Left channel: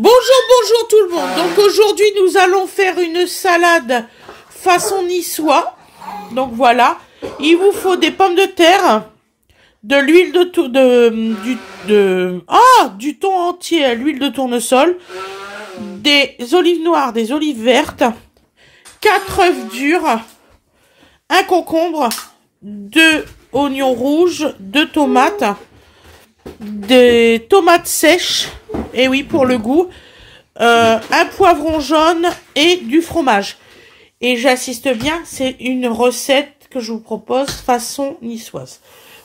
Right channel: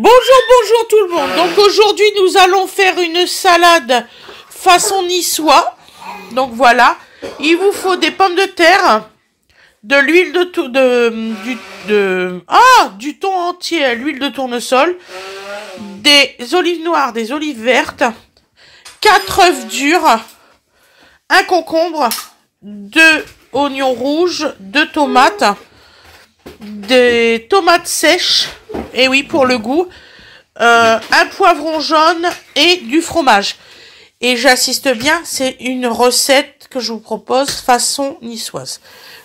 Bonjour tout le monde. Donc aujourd'hui nous allons faire une salade façon niçois. Donc voilà, il vous faut des pommes de terre, de l'huile du thon entier, l'huile de tournesol, des olives noires, des olives vertes, 4 œufs durs, un concombre, 2 oignons rouges, 2 tomates, des tomates sèches, et oui pour le goût, un poivron jaune et du fromage. Et j'insiste bien, c'est une recette que je vous propose façon niçoise.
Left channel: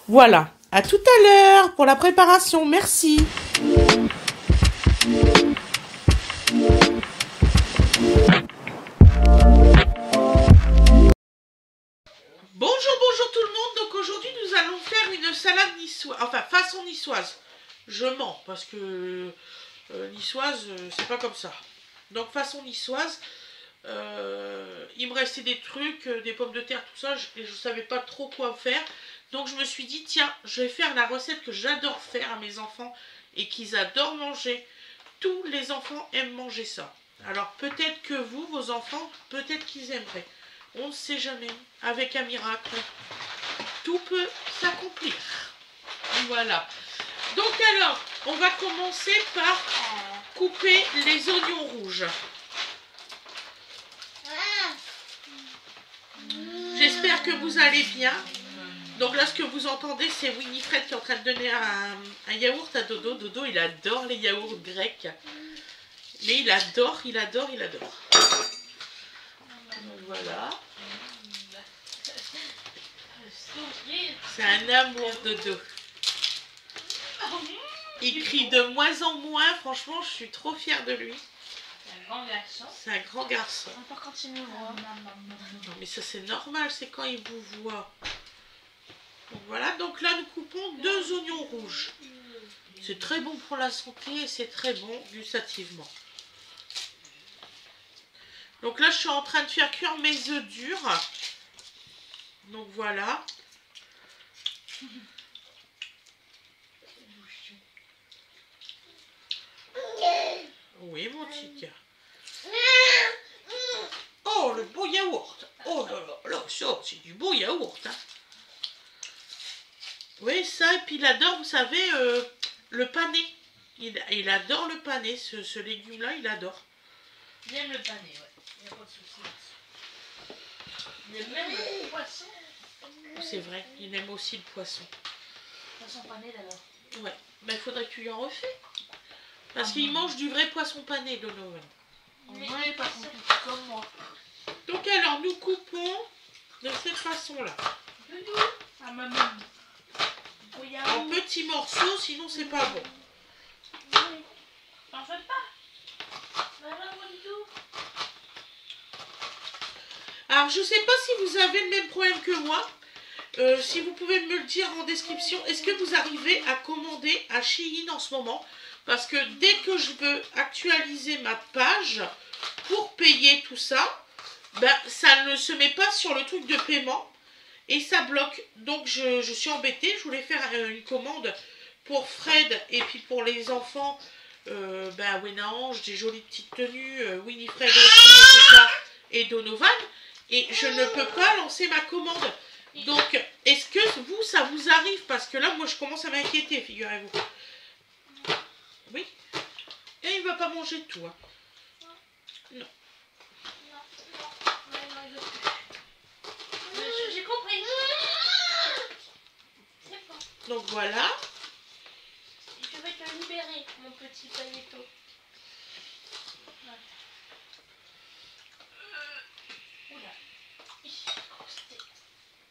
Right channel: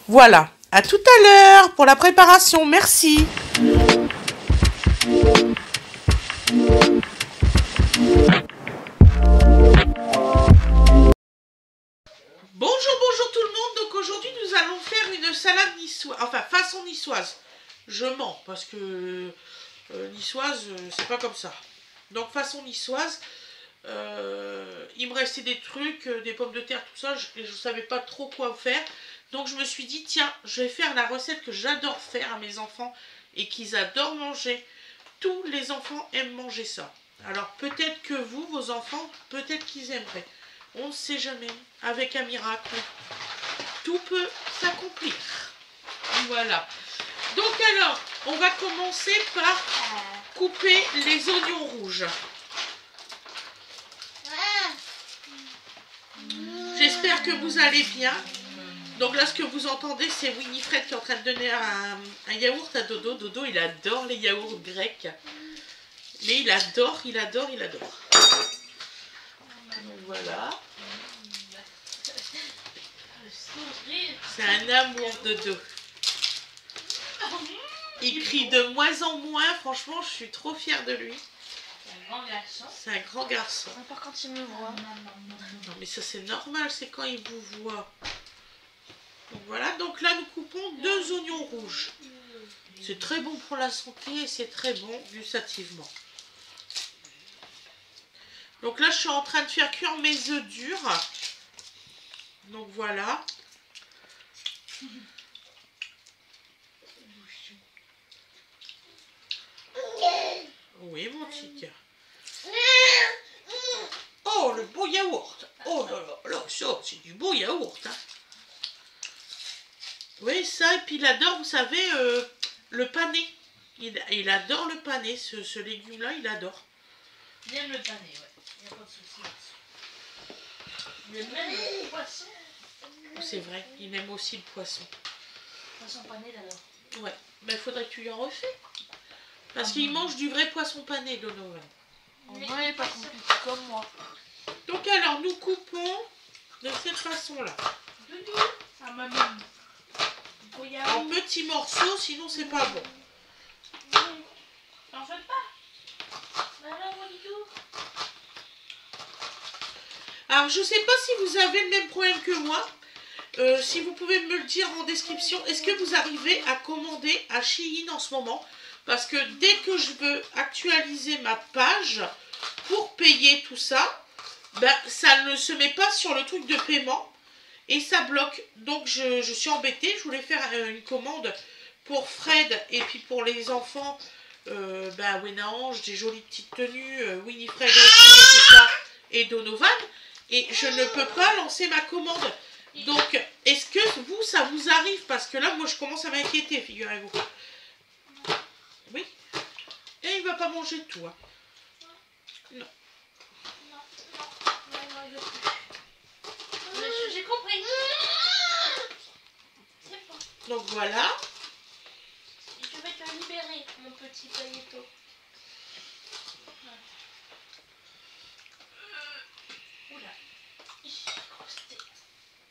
Voilà, à tout à l'heure pour la préparation, merci. Bonjour tout le monde. Donc aujourd'hui nous allons faire une salade niçoise, enfin façon niçoise. Je mens parce que niçoise c'est pas comme ça. Donc façon niçoise, il me restait des trucs, des pommes de terre, tout ça, et je savais pas trop quoi faire. Donc je me suis dit tiens, je vais faire la recette que j'adore faire à mes enfants et qu'ils adorent manger. Tous les enfants aiment manger ça. Alors peut-être que vous, vos enfants, peut-être qu'ils aimeraient. On ne sait jamais. Avec un miracle, tout peut s'accomplir. Voilà. Donc alors, on va commencer par couper les oignons rouges. J'espère que vous allez bien. Donc là, ce que vous entendez, c'est Winifred qui est en train de donner un yaourt à Dodo. Dodo, il adore les yaourts grecs. Mais il adore. Donc voilà. C'est un amour, Dodo. Il crie de moins en moins. Franchement, je suis trop fière de lui. C'est un grand garçon. Pas quand il me voit. Non mais ça c'est normal, c'est quand il vous voit. Donc voilà, donc là nous coupons 2 oignons rouges. C'est très bon pour la santé et c'est très bon gustativement. Donc là je suis en train de faire cuire mes œufs durs. Donc voilà. Oui mon tic. Oh, le beau yaourt. Oh là là, là ça, c'est du beau yaourt. Hein. Oui, ça, et puis il adore, vous savez, le pané. Il adore le pané, ce légume-là, il adore. Il aime le pané, ouais. Il n'y a pas de souci. Il aime même le poisson. C'est vrai, il aime aussi le poisson. Poisson pané d'abord. Ouais, mais il faudrait que tu lui en refais. Parce qu'il mange du vrai poisson pané, Donovan. En vrai, poisson comme moi. Donc alors, nous coupons de cette façon-là. À ma main. En petits morceaux, sinon c'est pas bon. En fait pas. Alors, je sais pas si vous avez le même problème que moi. Si vous pouvez me le dire en description, est-ce que vous arrivez à commander à Shein en ce moment? Parce que dès que je veux actualiser ma page pour payer tout ça, ben, ça ne se met pas sur le truc de paiement et ça bloque. Donc je suis embêtée, je voulais faire une commande pour Fred et puis pour les enfants, ben, Wenange, des jolies petites tenues, Winifred aussi et tout ça, et Donovan. Et je ne peux pas lancer ma commande. Donc, est-ce que vous, ça vous arrive? Parce que là, moi, je commence à m'inquiéter, figurez-vous. Oui. Et il ne va pas manger de tout. Hein. Non. J'ai compris. Donc, voilà. Je vais te libérer, mon petit paletto.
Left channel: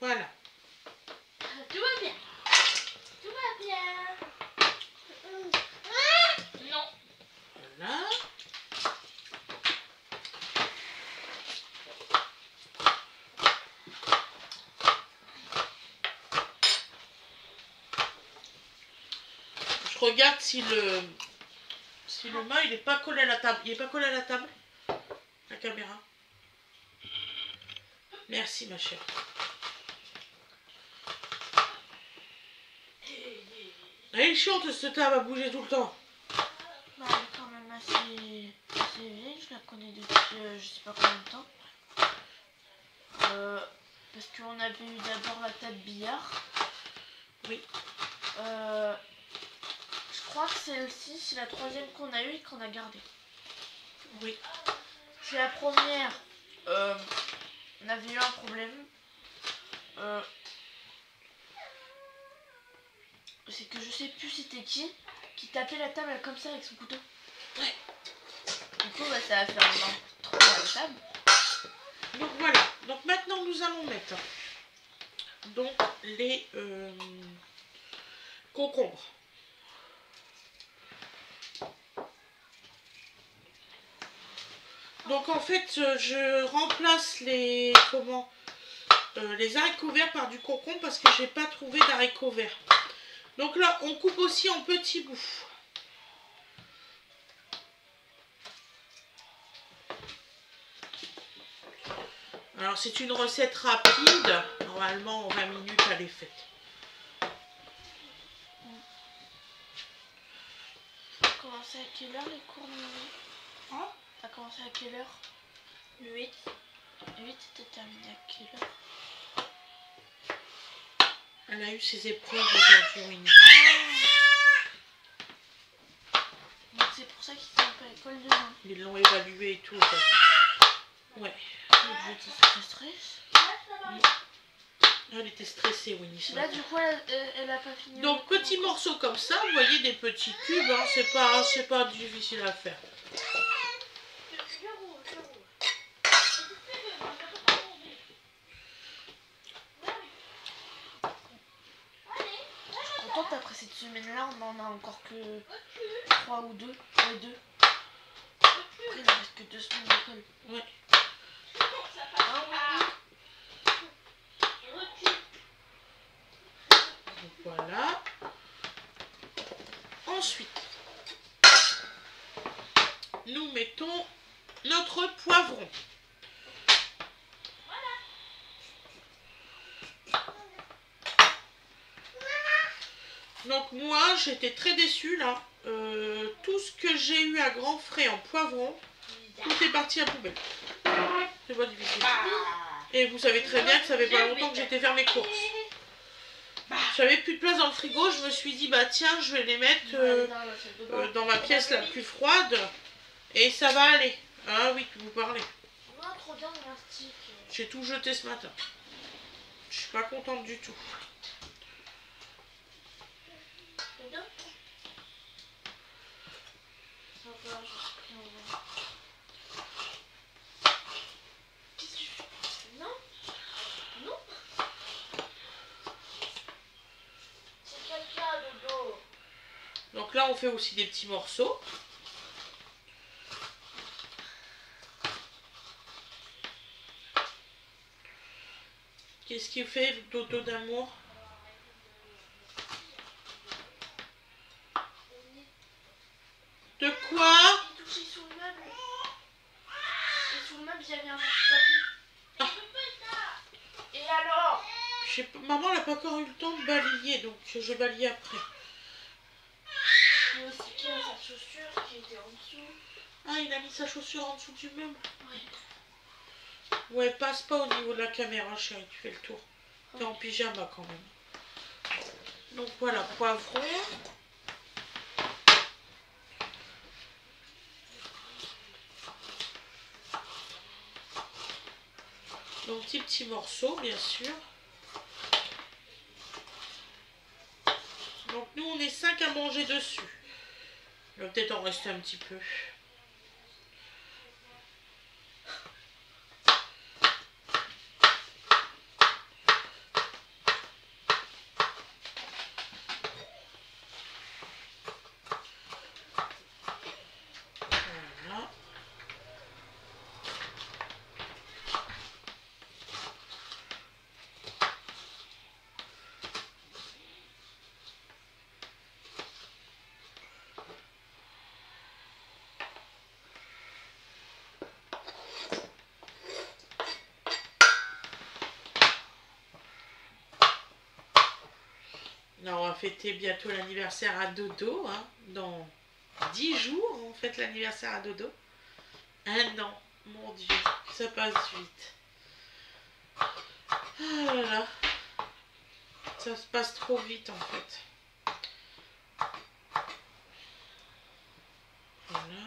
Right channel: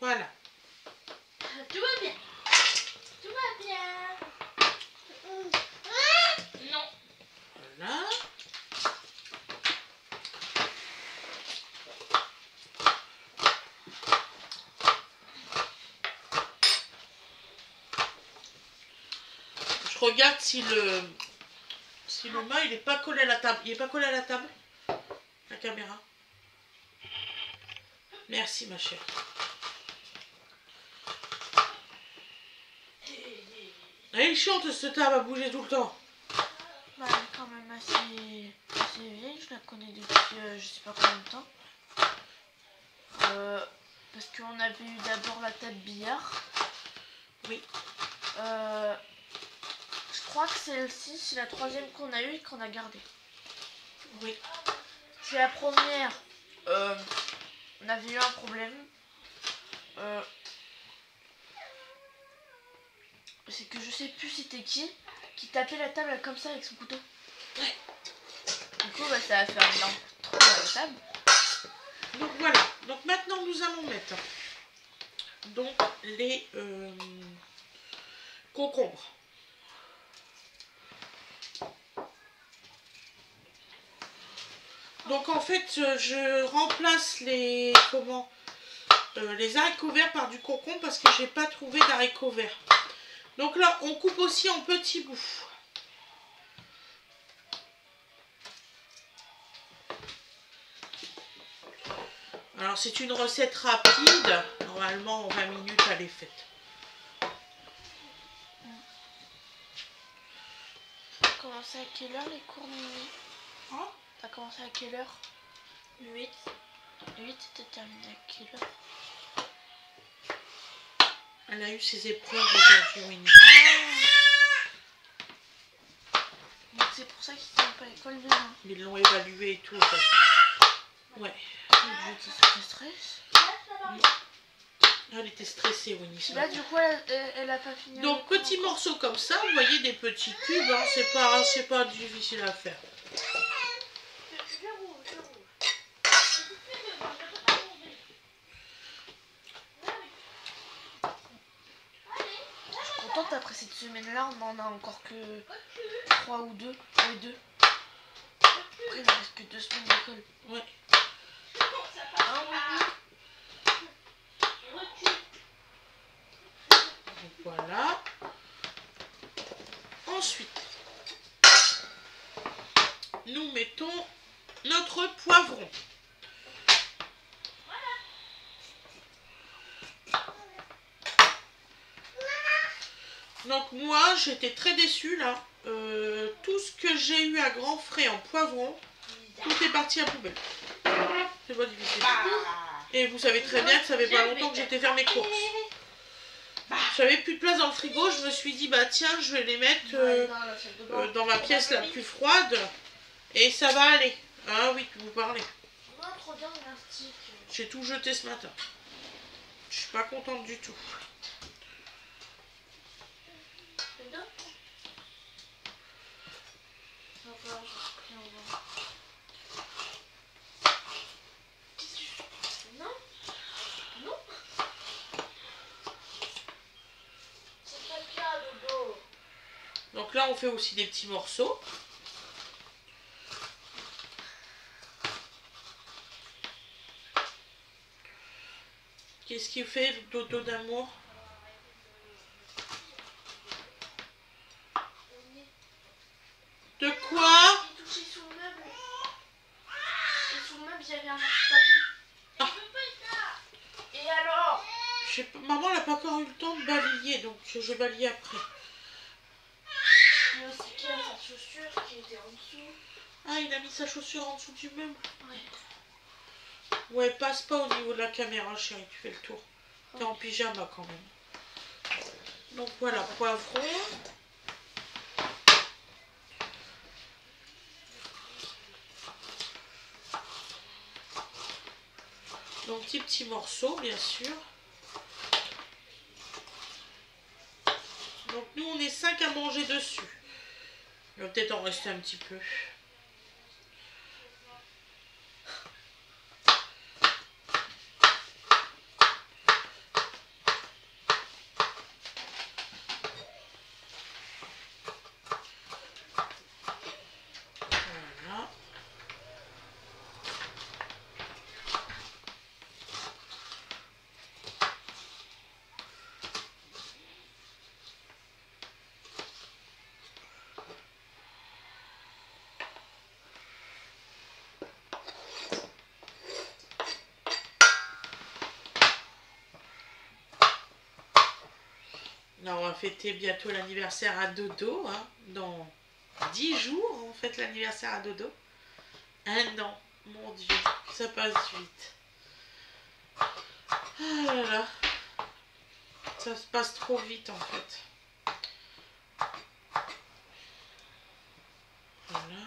Voilà. Tout va bien. Tout va bien. Non. Voilà. Je regarde si le mât il n'est pas collé à la table. Il n'est pas collé à la table, la caméra. Merci ma chère. Elle est chiante cette table à bouger tout le temps. Bah, quand même assez. je la connais depuis je sais pas combien de temps. Parce qu'on avait eu d'abord la table billard. Oui. Je crois que celle-ci, c'est la troisième qu'on a eue et qu'on a gardée. Oui. C'est la première. On avait eu un problème. C'est que je sais plus c'était qui tapait la table comme ça avec son couteau. Ouais. Du coup, bah, ça a fait un énorme trou dans la table. Donc voilà. Donc maintenant, nous allons mettre donc les concombres. Donc en fait, je remplace les les haricots verts par du concombre parce que j'ai pas trouvé d'haricots verts. Donc là, on coupe aussi en petits bouts. Alors c'est une recette rapide. Normalement, en 20 minutes, elle est faite. T'as commencé à quelle heure les cours, Mimi? Hein? T'as commencé à quelle heure? 8. 8, t'as terminé à quelle heure? Elle a eu ses épreuves aujourd'hui, Winnie. Donc c'est pour ça qu'ils sont pas à l'école demain. Ils l'ont évalué et tout. Ouais. Je stresse. Elle était stressée, Winnie, ce Là, matin. du coup, elle a pas fini. Donc, petits morceaux comme ça, vous voyez, des petits cubes, hein, c'est pas difficile à faire. Autant qu'après cette semaine-là, on en a encore que 3 ou 2. Après, il ne reste que 2 semaines d'école. Ouais. Donc, voilà. Ensuite, nous mettons notre poivron. Donc moi, j'étais très déçue là. Tout ce que j'ai eu à grands frais en poivron, tout est parti à poubelle. C'est pas difficile. Et vous savez très bien que ça fait pas longtemps que j'étais faire mes courses. J'avais plus de place dans le frigo, je me suis dit bah tiens, je vais les mettre dans ma pièce la plus froide et ça va aller. Ah oui, que vous parlez. J'ai tout jeté ce matin. Je suis pas contente du tout. Donc là, on fait aussi des petits morceaux. Qu'est-ce qu'il fait, Dodo d'amour? De quoi? J'ai touché sur le meuble. Et sur le meuble, j'avais un petit papier. Ah. Et alors? Maman, elle n'a pas encore eu le temps de balayer, donc je balaye après. Il y a aussi qui a sa chaussure qui était en dessous. Ah, il a mis sa chaussure en dessous du meuble. Ouais. Ouais, passe pas au niveau de la caméra, chérie, tu fais le tour. T'es en pyjama quand même. Donc voilà, poivron. Donc petits morceaux, bien sûr. Donc nous, on est 5 à manger dessus. Il va peut-être en rester un petit peu. Voilà. Là, on va fêter bientôt l'anniversaire à Dodo. Hein. Dans 10 jours, on fête l'anniversaire à Dodo. Ah non, mon Dieu, ça passe vite. Ah là là, ça se passe trop vite en fait. Voilà.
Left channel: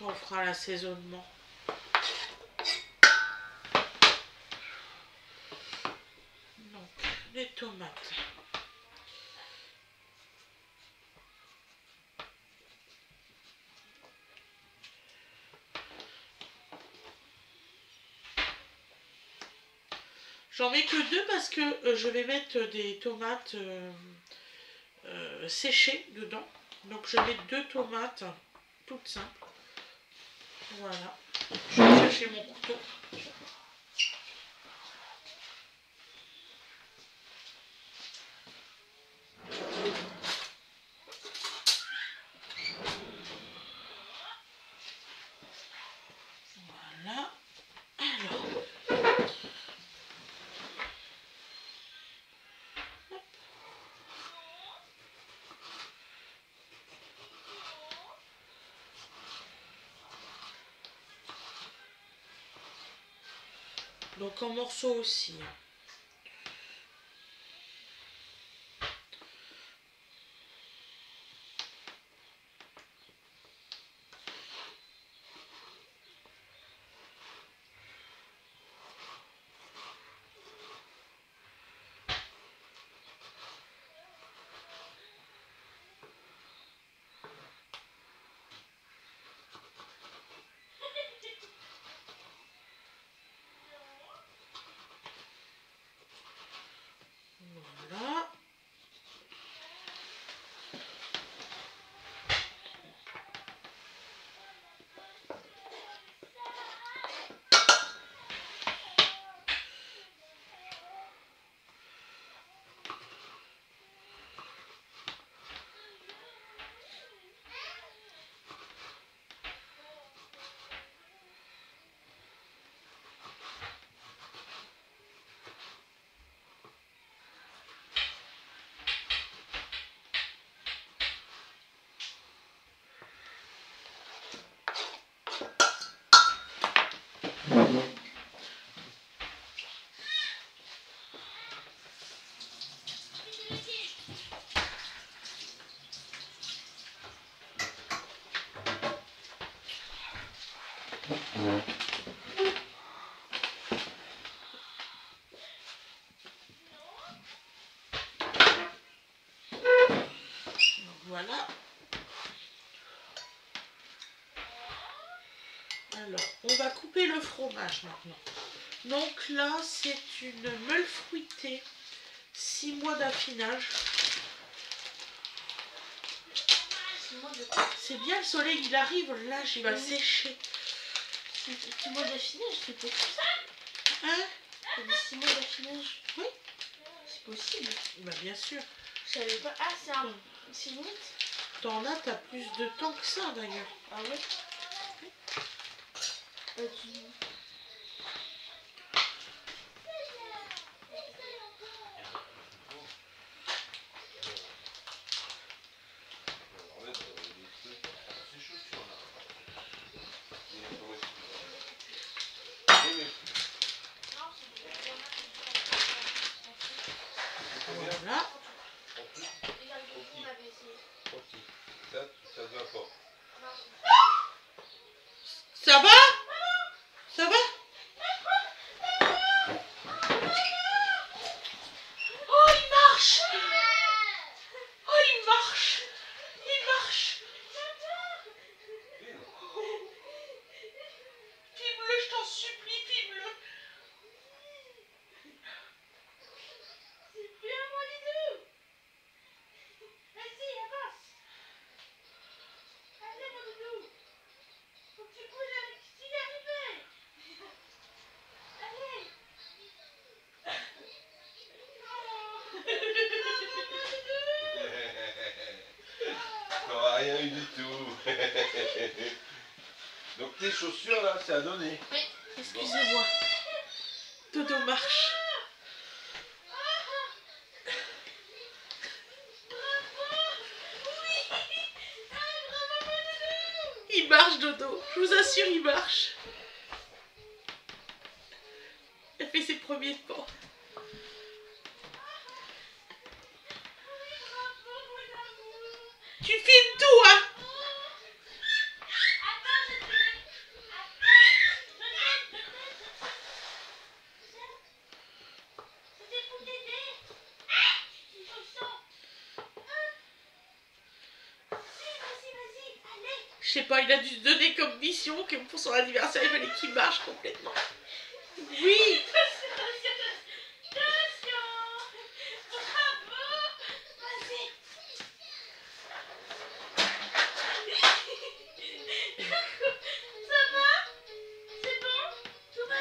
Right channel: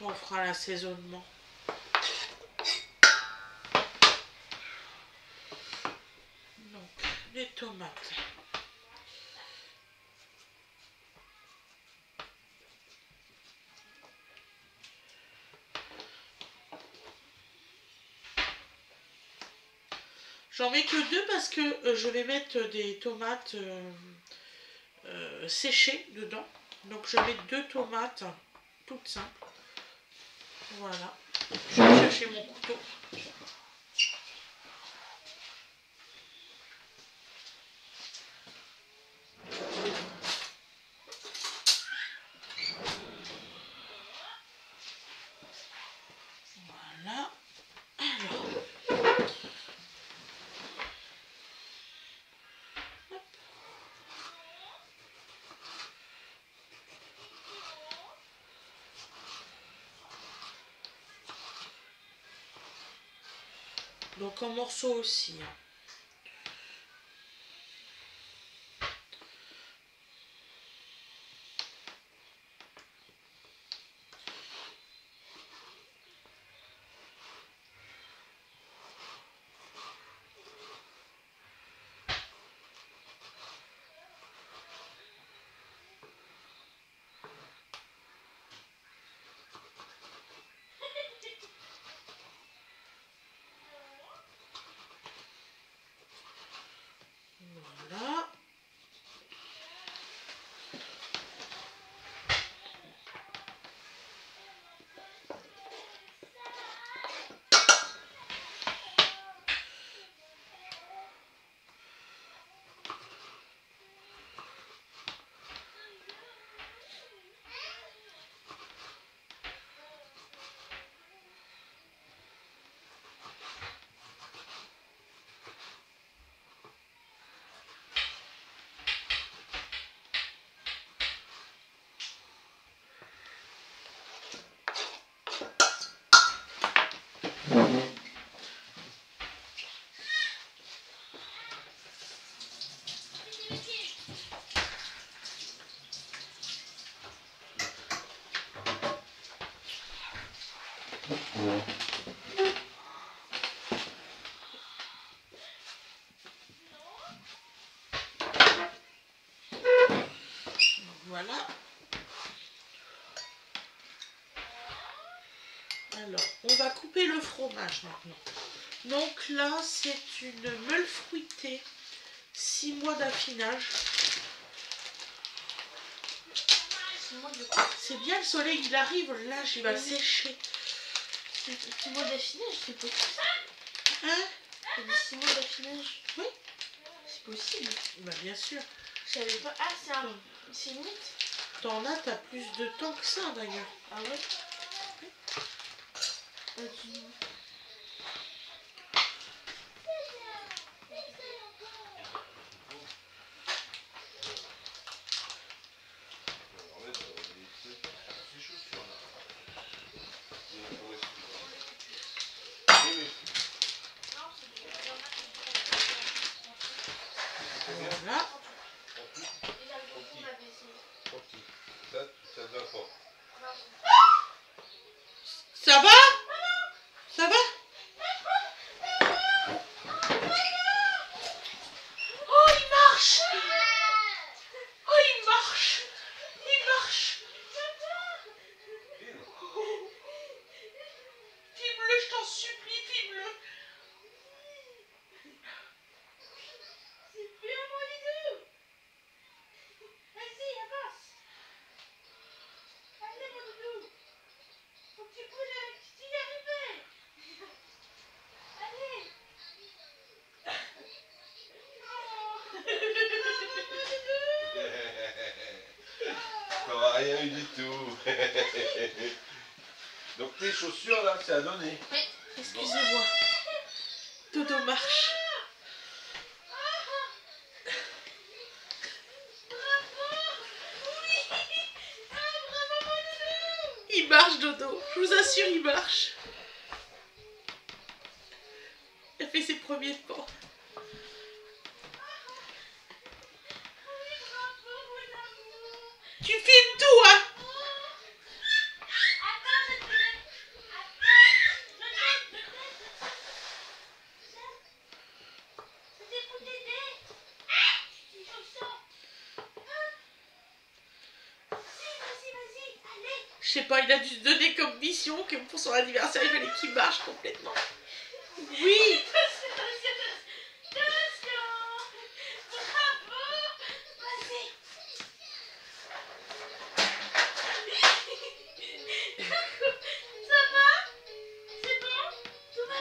On fera l'assaisonnement. Donc, les tomates. J'en mets que deux parce que je vais mettre des tomates séchées dedans. Donc je mets 2 tomates toutes simples. Voilà. Je vais chercher mon couteau. Voilà. Alors. Hop. Donc en morceaux aussi. Voilà. Voilà. Alors, on va couper le fromage maintenant. Donc là, c'est une meule fruitée, 6 mois d'affinage. C'est bien, le soleil, il arrive, là, il va sécher. 6 mois d'affinage, c'est possible. Hein? 6 mois d'affinage. Oui. C'est possible. Bah bien sûr. Je savais pas. Ah, c'est une mythe. T'en as, t'as plus de temps que ça d'ailleurs. Ah ouais? Voilà. Ça va? Ça va? Oh, il marche! Oh, il marche! Il marche! Filme-le, je t'en supplie, filme-le! C'est bien, mon Lidou! Vas-y, avance! Allez, mon Doudou! Faut que tu bouges avec, tu y arrives! Allez! T'auras rien eu du tout. Donc tes chaussures là, c'est à donner. Oui. Excusez-moi. Dodo marche. Il marche, Dodo. Je vous assure, il marche. Elle fait ses premiers pas. Tu filmes tout, hein? Je sais pas, il a dû se donner comme mission que pour son anniversaire, il fallait qu'il marche complètement. Oui!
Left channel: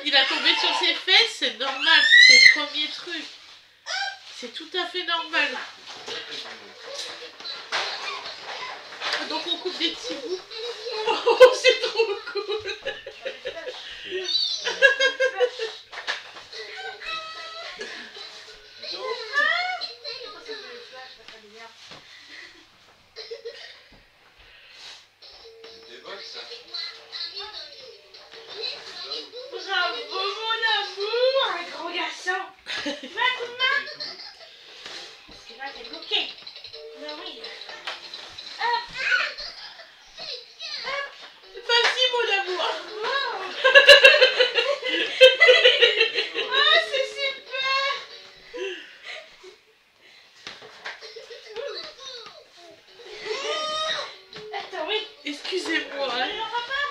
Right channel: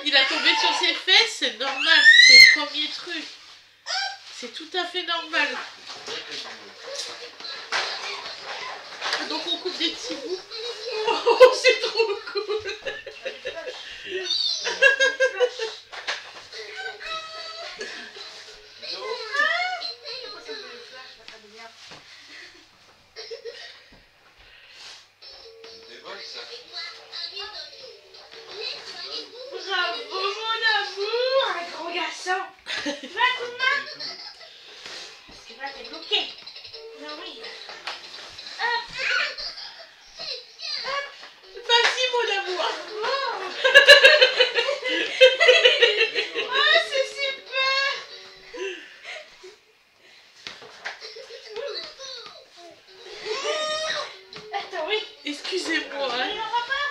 Il a tombé sur ses fesses, c'est normal, c'est le premier truc. C'est tout à fait normal. Donc on coupe des petits bouts. Oh, c'est trop cool. Bravo mon amour, un gros garçon. Tu veux un coup de main? Parce que là t'es bloqué. Mais oui. Vas-y mon amour. Oh c'est super. Attends oui. Excusez-moi, hein.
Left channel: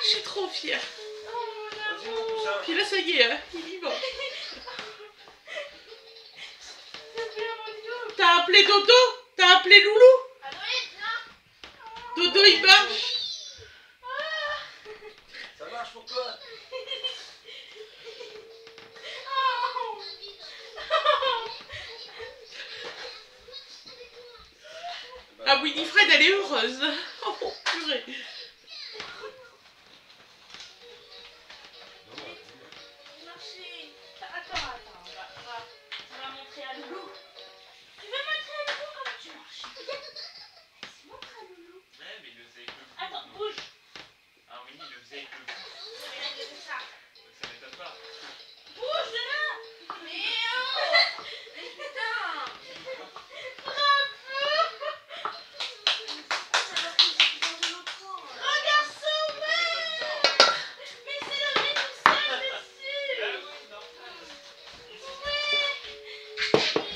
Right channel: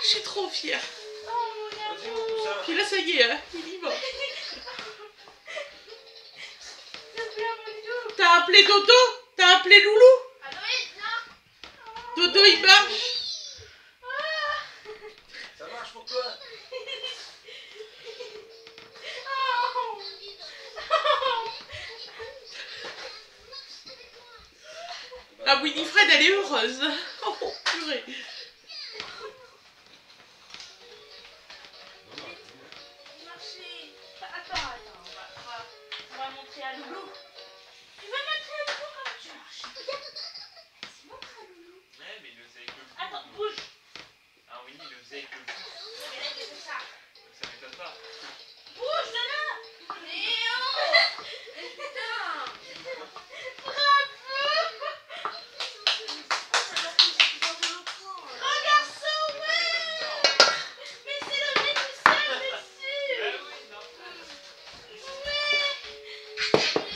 Je suis trop fière. Oh mon amour. Puis là ça y est, hein, il y va. T'as appelé Dodo? T'as appelé Loulou? Dodo il marche. Ça marche pour toi? Ah Winifred elle est heureuse. Oh purée. Attends, on va montrer à Loulou. Tu veux montrer à Loulou comment tu marches? Montre à Loulou. Ouais, mais il le faisait que vous. Attends, bouge. Ah oui, il le faisait que vous. Ça. Ça m'étonne pas. Bouge de là. Léo. Putain. Grand garçon, ouais. Mais c'est le nez tout seul dessus.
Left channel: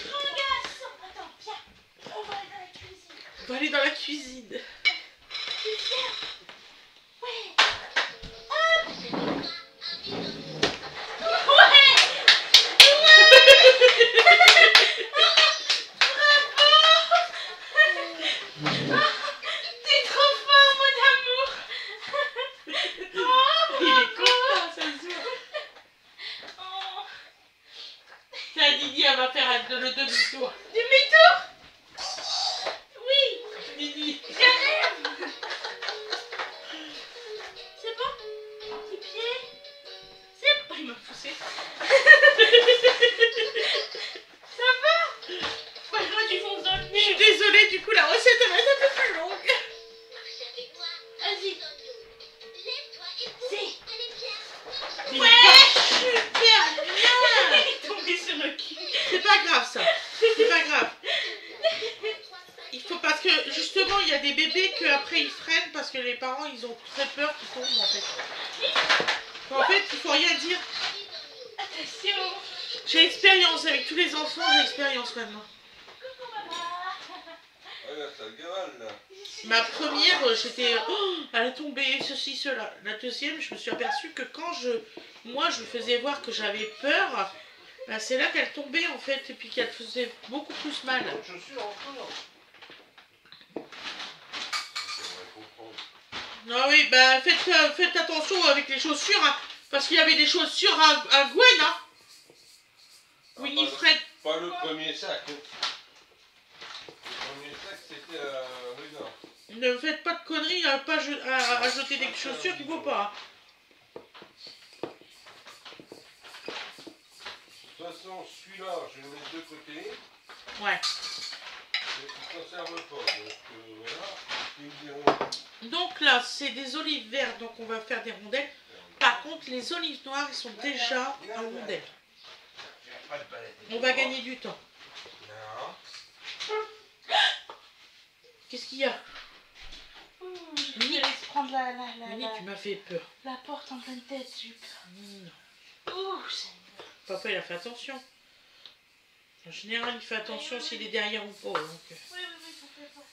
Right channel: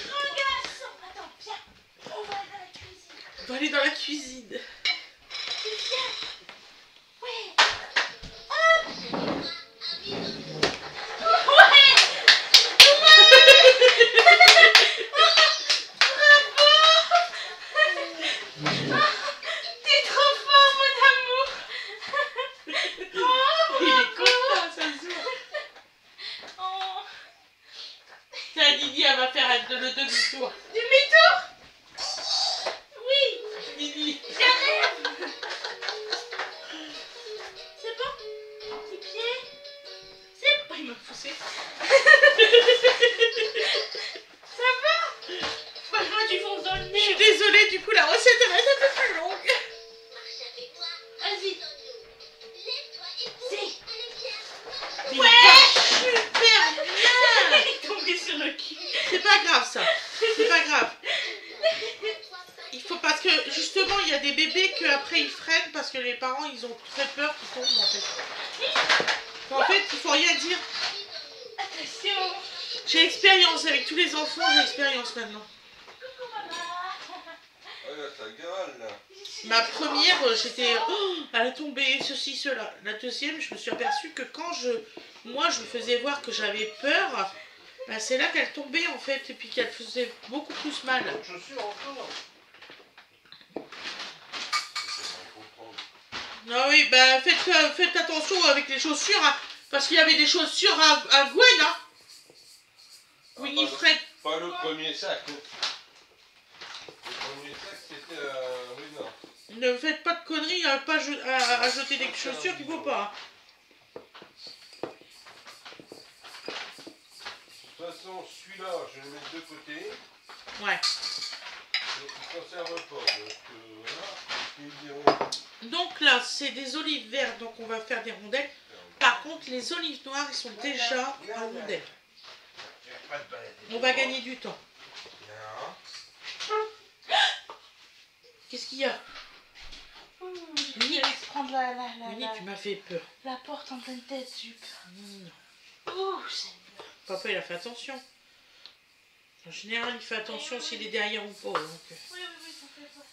Grand garçon. Attends, viens. On va aller dans la cuisine. On va aller dans la cuisine. T'es trop fort, mon amour. Il est content, ça se voit. Oh. Tiens, Didi, elle va faire le demi-tour. Demi-tour. Oui. Didi. J'arrive. C'est bon? Petit pied. C'est bon. Il m'a poussé. Ça va? Franchement, tu fonces dans le Je nez. suis désolée, du coup, la recette elle va être un peu plus longue. Vas-y. Si. Il va super bien. Elle est tombée sur le cul. C'est pas grave, ça. C'est pas grave. Il faut parce que justement il y a des bébés que après ils freinent parce que les parents ils ont très peur qu'ils tombent en fait. En fait il faut rien dire. Attention. J'ai expérience avec tous les enfants, j'ai expérience maintenant. Coucou, maman. Regarde ta gueule là. Ma première j'étais elle est tombée ceci cela. La deuxième je me suis aperçue que quand moi je lui faisais voir que j'avais peur, bah, c'est là qu'elle tombait en fait et puis qu'elle faisait beaucoup plus mal. Autre chaussure encore. Ah oui, bah faites attention avec les chaussures, hein, parce qu'il y avait des chaussures à Gwen, hein. Winifred. Pas le premier sac. Le premier sac c'était rue Nord. Ne faites pas de conneries à jeter des chaussures qu'il ne faut pas. De toute façon, celui-là, je vais le mettre de côté. Ouais. Et il ne conserve pas. Donc voilà, ils me diront. Donc Donc là, c'est des olives vertes, donc on va faire des rondelles. Par contre, les olives noires, ils sont déjà en rondelles. On va gagner du temps. Qu'est-ce qu'il y a? Mini, laisse prendre Mini, tu m'as fait peur. la porte en pleine tête, Jup. Non. Ouh, c'est... Papa, il a fait attention. En général, il fait attention s'il est derrière ou pas. Donc... Oui, ça fait pas.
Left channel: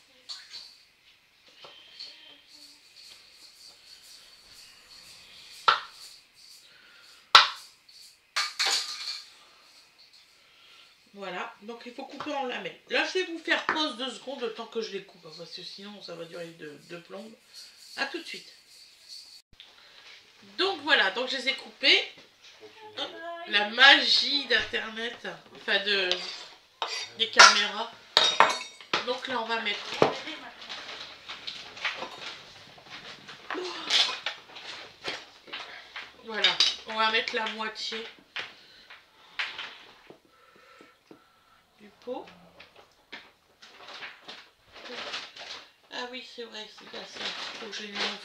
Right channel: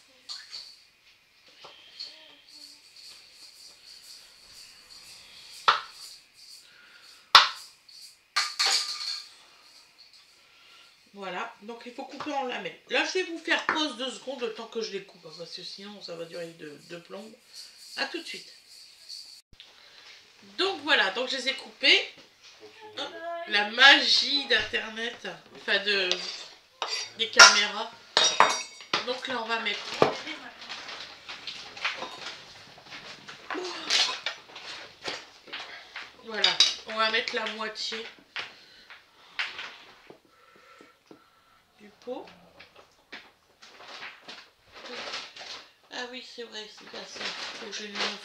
Voilà, donc il faut couper en lamelles. Là, je vais vous faire pause 2 secondes le temps que je les coupe, parce que sinon ça va durer de plomb. A tout de suite. Donc voilà, donc je les ai coupés. Hop, la magie d'internet, enfin des caméras. Donc là, on va mettre... Voilà, on va mettre la moitié du pot. Ah oui, c'est vrai, c'est pas ça. Faut que je les lave.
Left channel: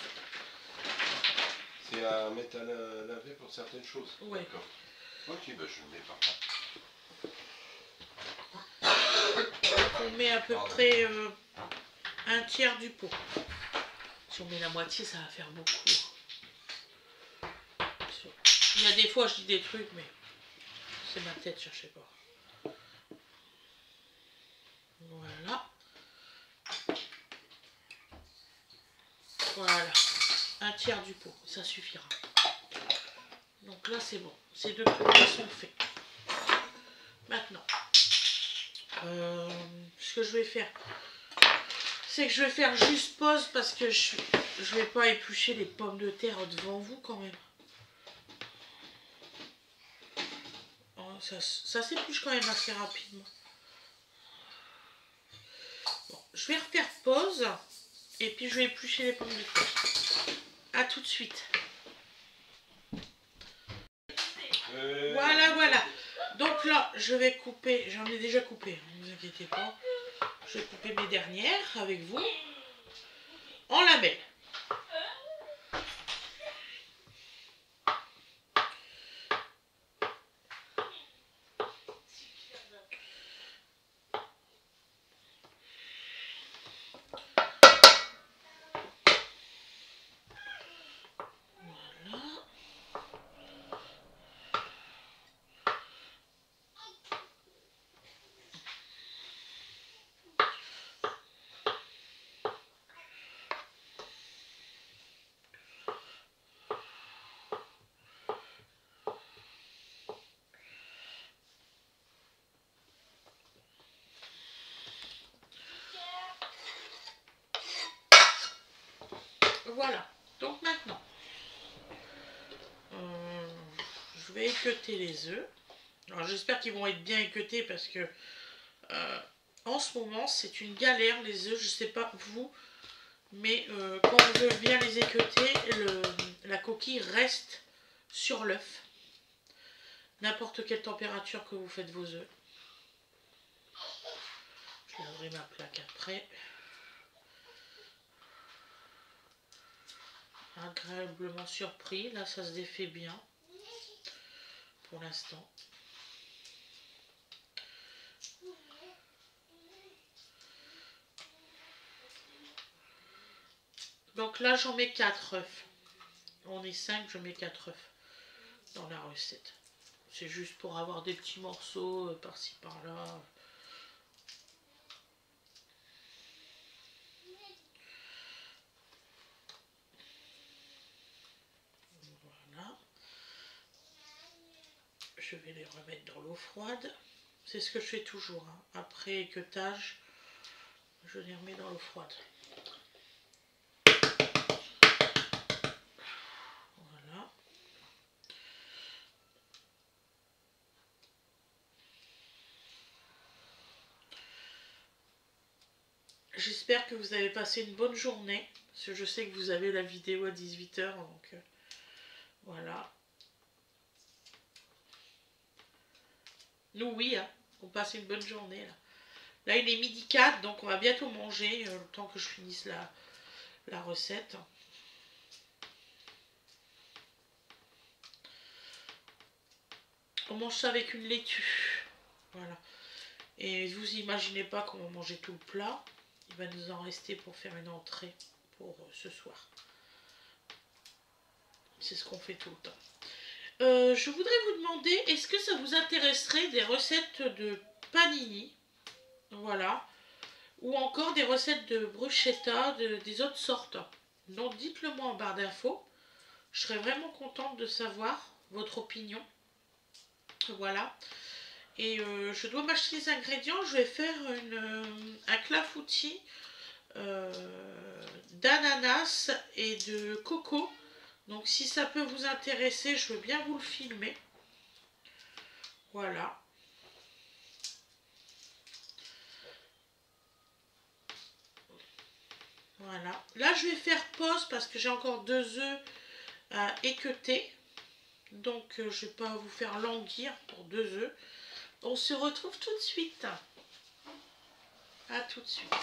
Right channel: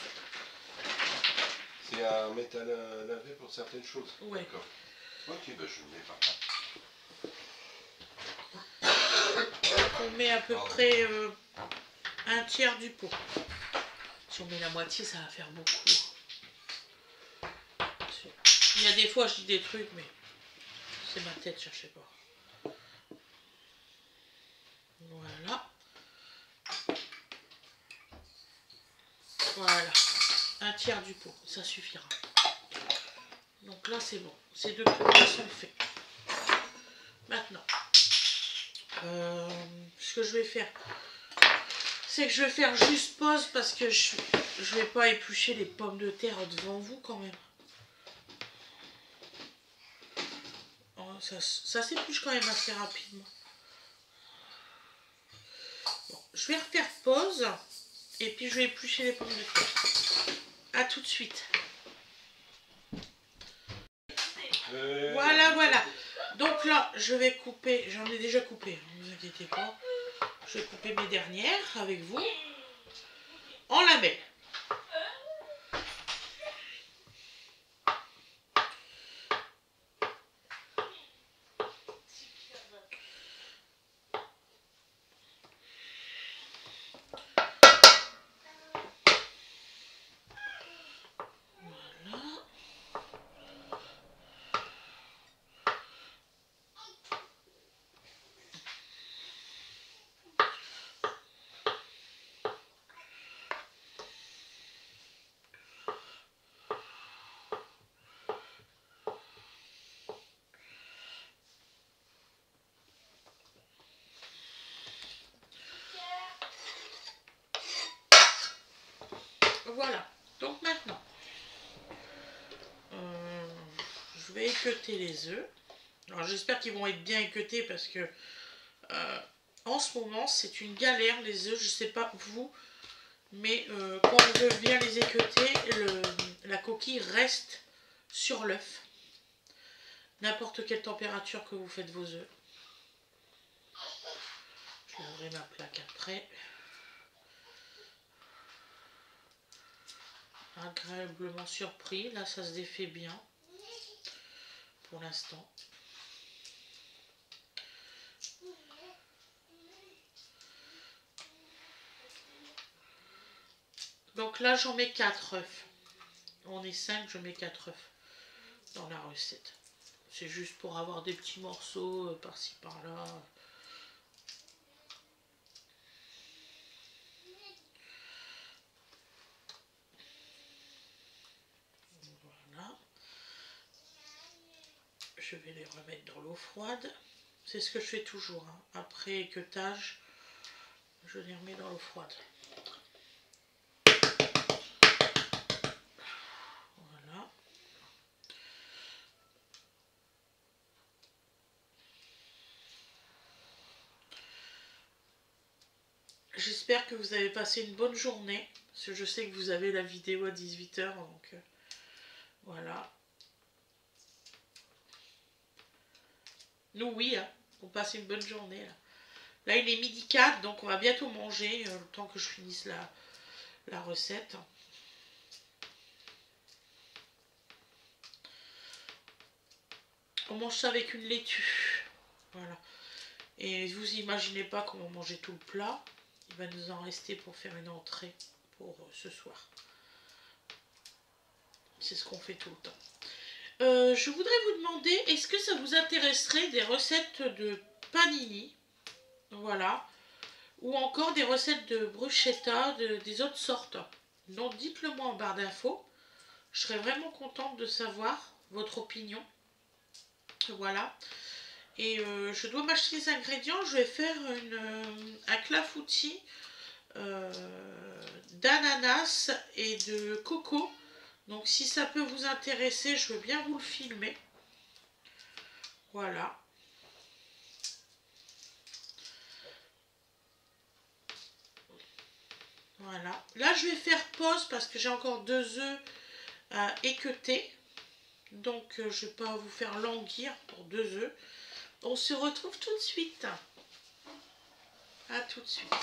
C'est à mettre à laver pour certaines choses. Ouais. D'accord. Ok, bah je le mets par là. Donc on met à peu près un tiers du pot. Si on met la moitié, ça va faire beaucoup. Il y a des fois, je dis des trucs, mais c'est ma tête, cherchez pas. Voilà. Voilà. Un tiers du pot, ça suffira. Donc là, c'est bon. C'est de toute façon fait. Maintenant, ce que je vais faire, c'est que je vais faire juste pause parce que je vais pas éplucher les pommes de terre devant vous quand même. Oh, ça s'épluche quand même assez rapidement. Bon, je vais refaire pause et puis je vais éplucher les pommes de terre. A tout de suite. Voilà, voilà. Donc là, je vais couper, j'en ai déjà coupé, ne vous inquiétez pas. Je vais couper mes dernières avec vous en lamelles. Voilà. Voilà, donc maintenant, je vais équeuter les œufs. Alors j'espère qu'ils vont être bien équeutés parce que en ce moment c'est une galère les œufs, je sais pas vous, mais quand je viens les équeuter, la coquille reste sur l'œuf. N'importe quelle température que vous faites vos œufs. Je laverai ma plaque après. Agréablement surpris, là ça se défait bien pour l'instant. Donc là j'en mets 4 œufs. On est 5, je mets 4 œufs dans la recette. C'est juste pour avoir des petits morceaux par-ci par-là. Voilà. Je vais les remettre dans l'eau froide. C'est ce que je fais toujours. Hein. Après équeutage, je les remets dans l'eau froide. Voilà. J'espère que vous avez passé une bonne journée. Parce que je sais que vous avez la vidéo à 18 h. Donc voilà. Nous, oui, hein, on passe une bonne journée. Là, il est midi 4, donc on va bientôt manger. Le temps que je finisse la recette. On mange ça avec une laitue. Voilà. Et vous imaginez pas comment manger tout le plat. Il va nous en rester pour faire une entrée pour ce soir. C'est ce qu'on fait tout le temps. Je voudrais vous demander, est-ce que ça vous intéresserait des recettes de panini? Voilà. Ou encore des recettes de bruschetta, des autres sortes. Donc dites-le moi en barre d'infos. Je serais vraiment contente de savoir votre opinion. Voilà. Et je dois m'acheter les ingrédients. Je vais faire un clafoutis d'ananas et de coco. Donc si ça peut vous intéresser, je veux bien vous le filmer. Voilà. Voilà. Là, je vais faire pause parce que j'ai encore 2 œufs à équeuter. Donc, je ne vais pas vous faire languir pour 2 œufs. On se retrouve tout de suite. À tout de suite.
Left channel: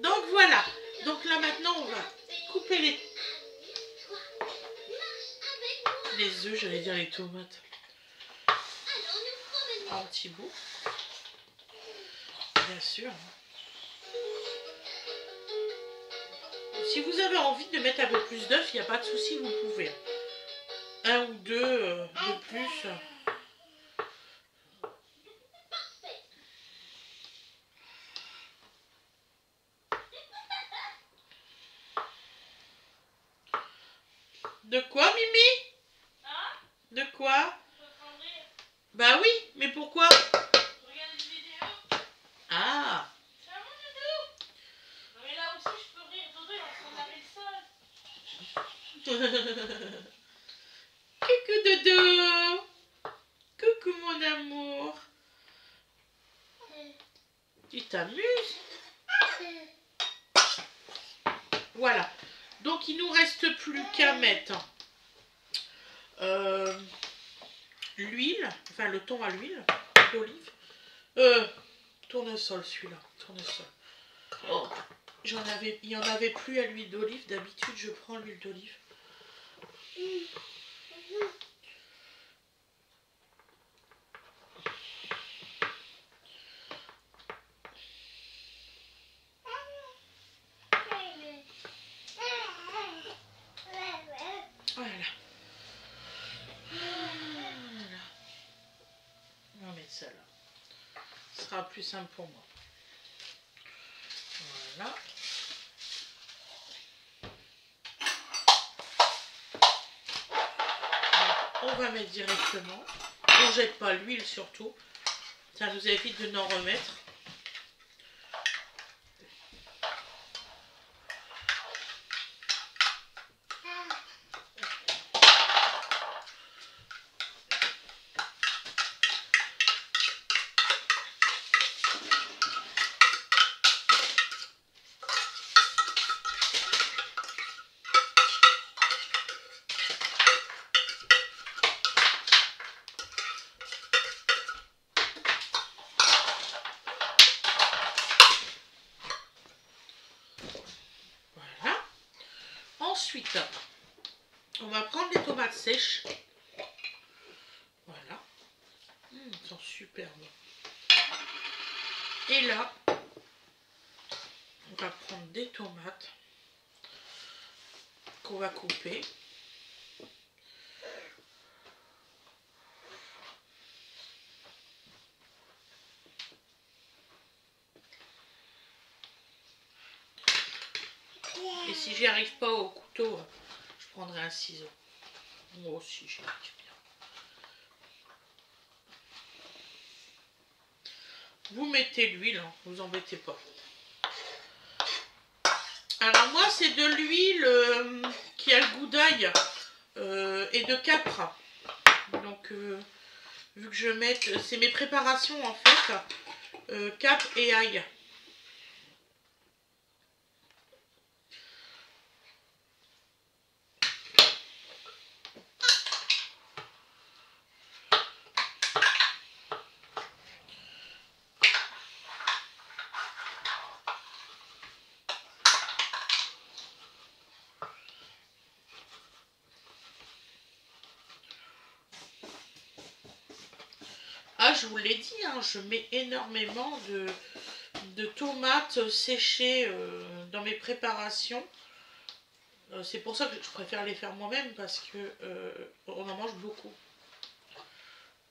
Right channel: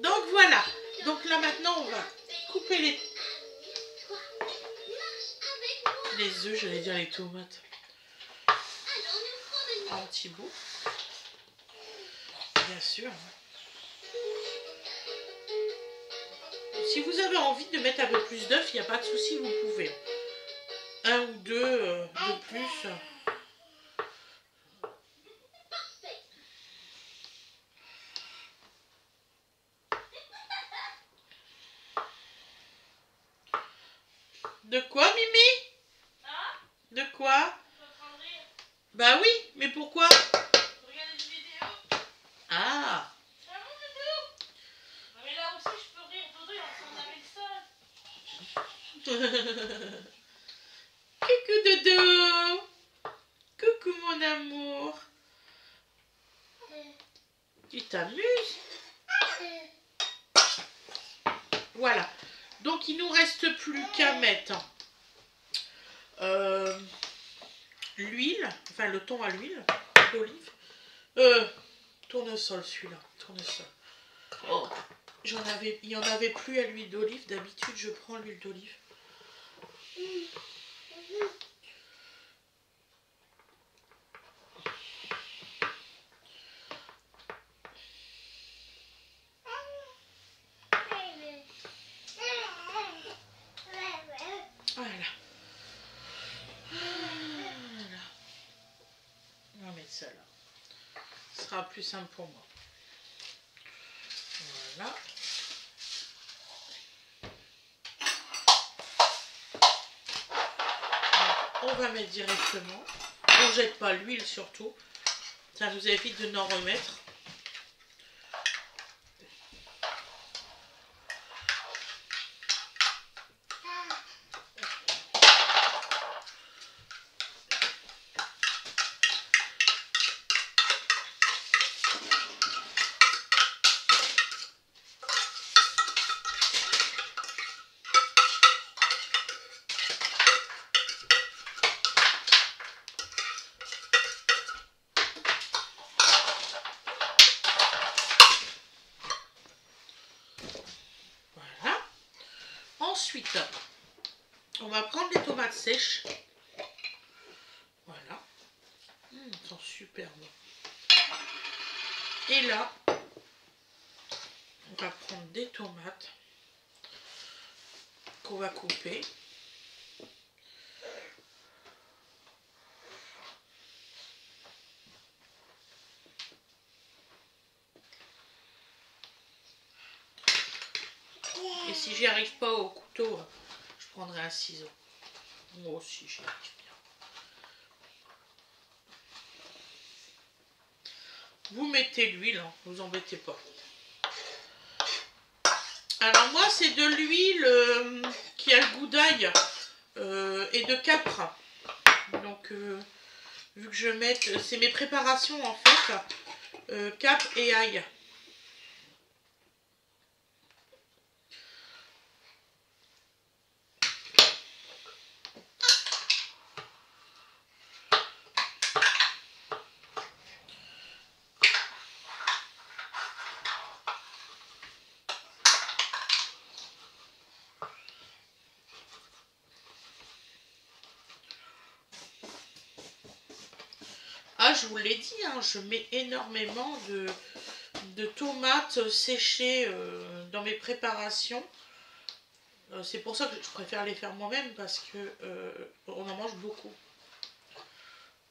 Donc, voilà. Donc là, maintenant, on va couper les œufs, j'allais dire les tomates. En petits bouts. Bien sûr. Si vous avez envie de mettre un peu plus d'œufs, il n'y a pas de souci, vous pouvez. 1 ou 2 de plus. De quoi, Mimi? De quoi? Bah oui, mais pourquoi? Ah. Mais là aussi, je peux rire, Dodo, il a son avis seul. Coucou Dodo. Coucou mon amour. Tu t'amuses? Voilà. Donc il nous reste plus qu'à mettre l'huile, enfin le thon à l'huile d'olive. Tournesol celui-là, tournesol. Oh, il n'y en avait plus à l'huile d'olive. D'habitude je prends l'huile d'olive. Voilà. On va mettre ça là. Ce sera plus simple pour moi. Voilà. Donc, on va mettre directement. On ne jette pas l'huile surtout. Ça nous évite de n'en remettre. Ensuite, on va prendre les tomates sèches. Voilà. Elles sont super bonnes. Et là, on va prendre des tomates qu'on va couper. Et si j'y arrive pas au couteau, je prendrai un ciseau. Moi aussi, j'y arrive bien. Vous mettez l'huile, hein, vous embêtez pas. Alors moi, c'est de l'huile qui a le goût d'ail et de capre. Donc, vu que je mette, c'est mes préparations en fait, capre et ail. moi, je vous l'ai dit, hein, je mets énormément de tomates séchées dans mes préparations. C'est pour ça que je préfère les faire moi-même parce que on en mange beaucoup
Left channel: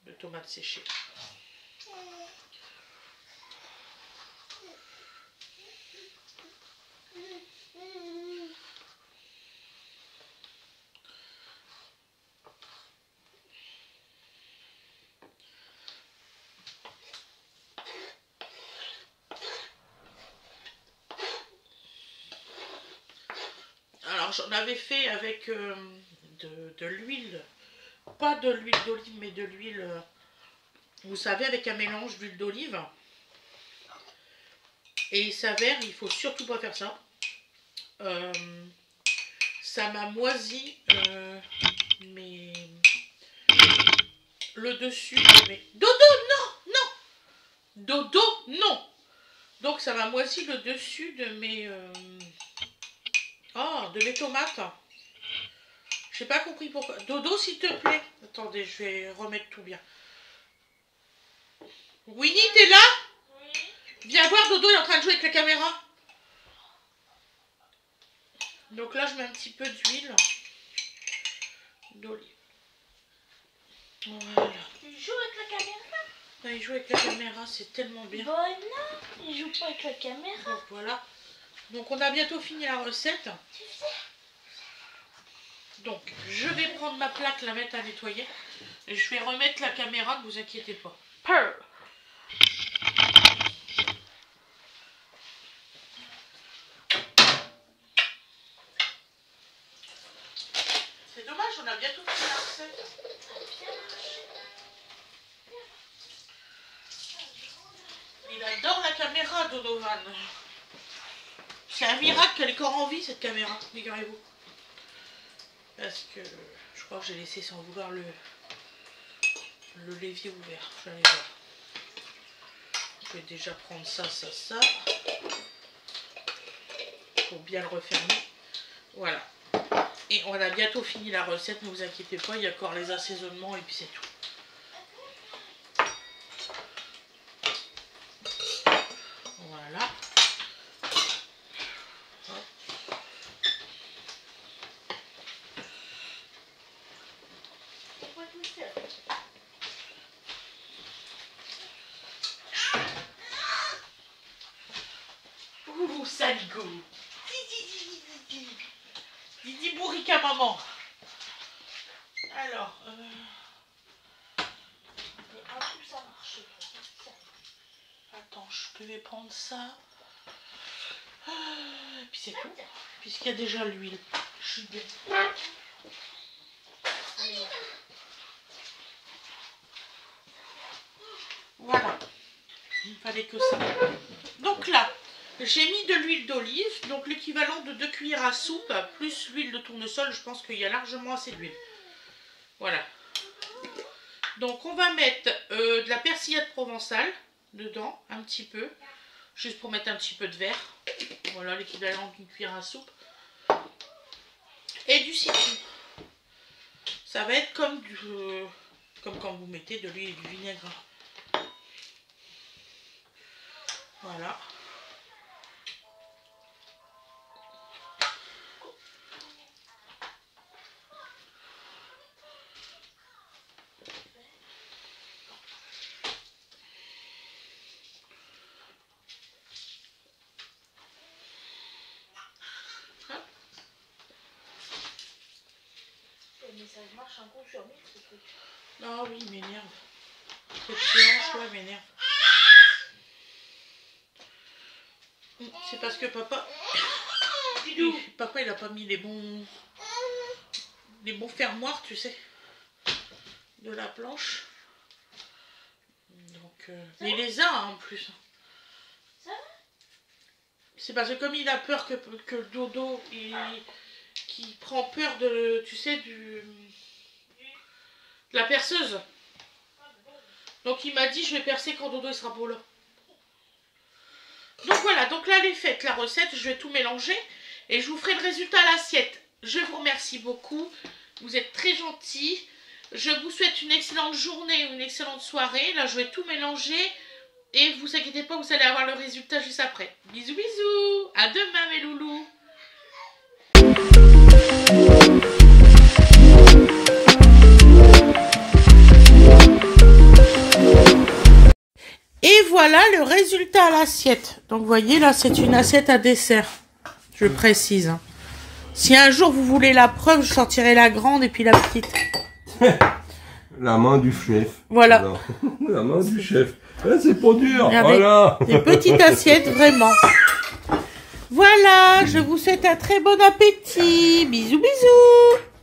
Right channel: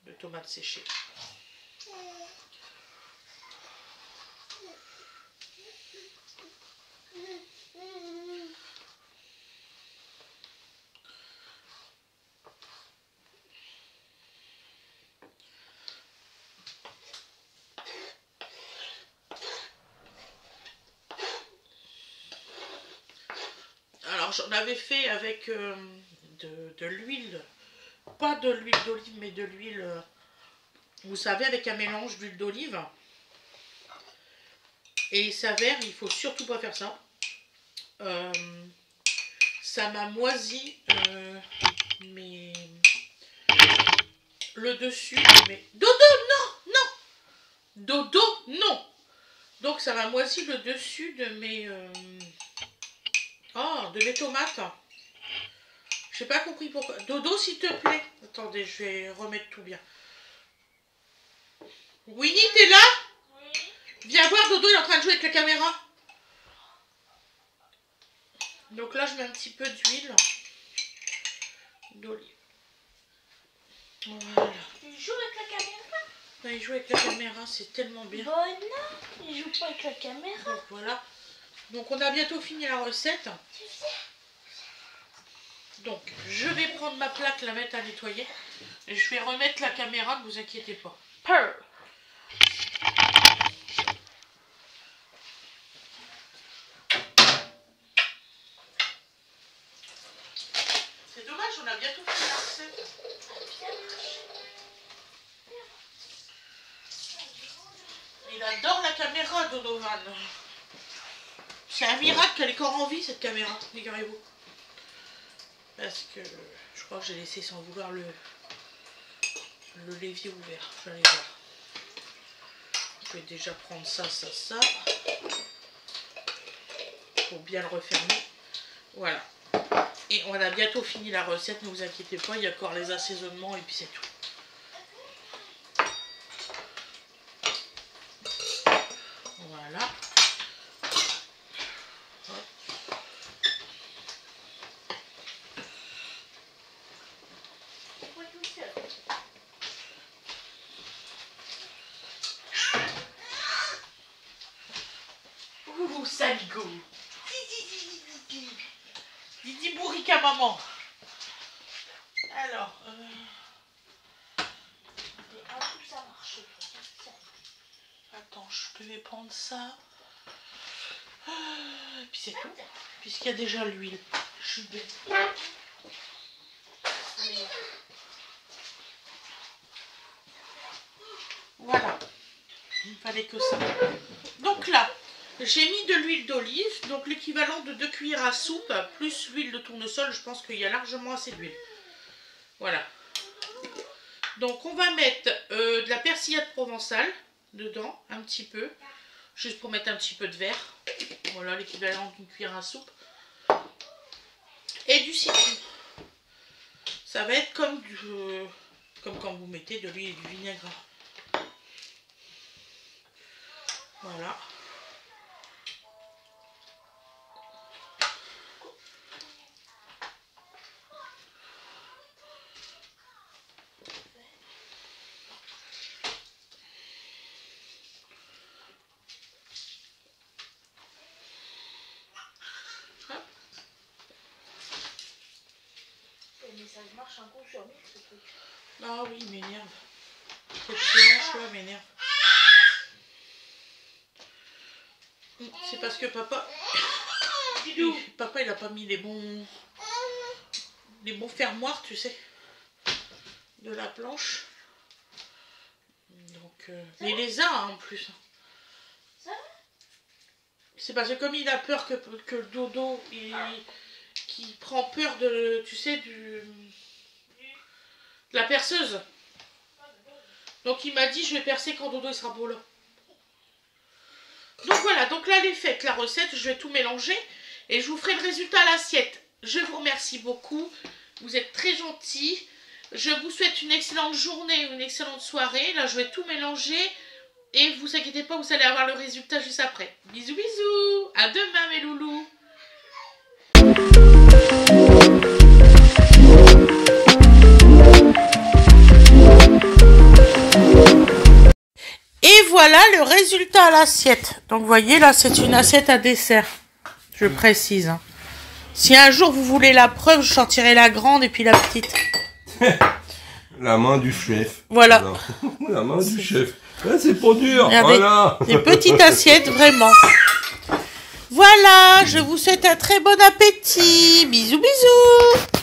de tomates séchées. Alors j'en avais fait avec de l'huile, pas de l'huile d'olive mais de l'huile, vous savez, avec un mélange d'huile d'olive. Et il s'avère, il faut surtout pas faire ça. Ça m'a moisi le dessus de mes... Dodo, non, non. Dodo, non. Donc ça m'a moisi le dessus de mes... de mes tomates. J'ai pas compris pourquoi. Dodo, s'il te plaît. Attendez, je vais remettre tout bien. Winnie, t'es là? Oui. Viens voir, Dodo, il est en train de jouer avec la caméra. Donc là, je mets un petit peu d'huile d'olive. Voilà. Il joue avec la caméra. Là, il joue avec la caméra, c'est tellement bien. Bon, non, il joue pas avec la caméra. Donc voilà. Donc on a bientôt fini la recette. Donc je vais prendre ma plaque, la mettre à nettoyer. Et je vais remettre la caméra, ne vous inquiétez pas. Purr. C'est dommage, on a bientôt fini la recette. Il adore la caméra, Donovan. C'est un miracle qu'elle est encore en vie, cette caméra, figurez-vous. Parce que je crois que j'ai laissé sans vouloir le l'évier ouvert. Je vais aller voir. Je vais déjà prendre ça. Pour bien le refermer. Voilà. Et on a bientôt fini la recette, ne vous inquiétez pas, il y a encore les assaisonnements et puis c'est tout. Voilà. Hop. Ouh, saligo. Didi bourrique à maman. Alors, Ça marche. attends, je vais prendre ça. Et puis c'est tout. Puisqu'il y a déjà l'huile. Je suis bête. Voilà. Il ne fallait que ça. Donc là, j'ai mis de l'huile d'olive, donc l'équivalent de 2 cuillères à soupe, plus l'huile de tournesol. Je pense qu'il y a largement assez d'huile. Voilà. Donc on va mettre de la persillade provençale dedans, un petit peu. Juste pour mettre un petit peu de verre. Voilà, l'équivalent d'une cuillère à soupe. Et du citron. Ça va être comme quand vous mettez de l'huile et du vinaigre. Voilà. Mais ça marche un coup sur moi, ce truc. Ah oui, il m'énerve. Cette séance-là m'énerve. C'est parce que papa... Papa, il a pas mis les bons fermoirs, tu sais, de la planche. Donc, mais il les a hein, en plus. C'est parce que comme il a peur que le dodo, qui prend peur de, tu sais, de la perceuse. Donc il m'a dit, je vais percer quand dodo il sera beau là. Donc voilà, donc là elle est faite la recette, je vais tout mélanger et je vous ferai le résultat à l'assiette. Je vous remercie beaucoup, vous êtes très gentils. Je vous souhaite une excellente journée, une excellente soirée. Là, je vais tout mélanger. Et vous inquiétez pas, vous allez avoir le résultat juste après. Bisous, bisous. À demain, mes loulous. Et voilà le résultat à l'assiette. Donc, vous voyez, là, c'est une assiette à dessert. Je précise. Hein. Si un jour vous voulez la preuve, je sortirai la grande et puis la petite. La main du chef. Voilà. La main du chef. Là, c'est pour dur. Regardez, voilà. des petites assiettes, vraiment. Voilà, je vous souhaite un très bon appétit. Bisous, bisous.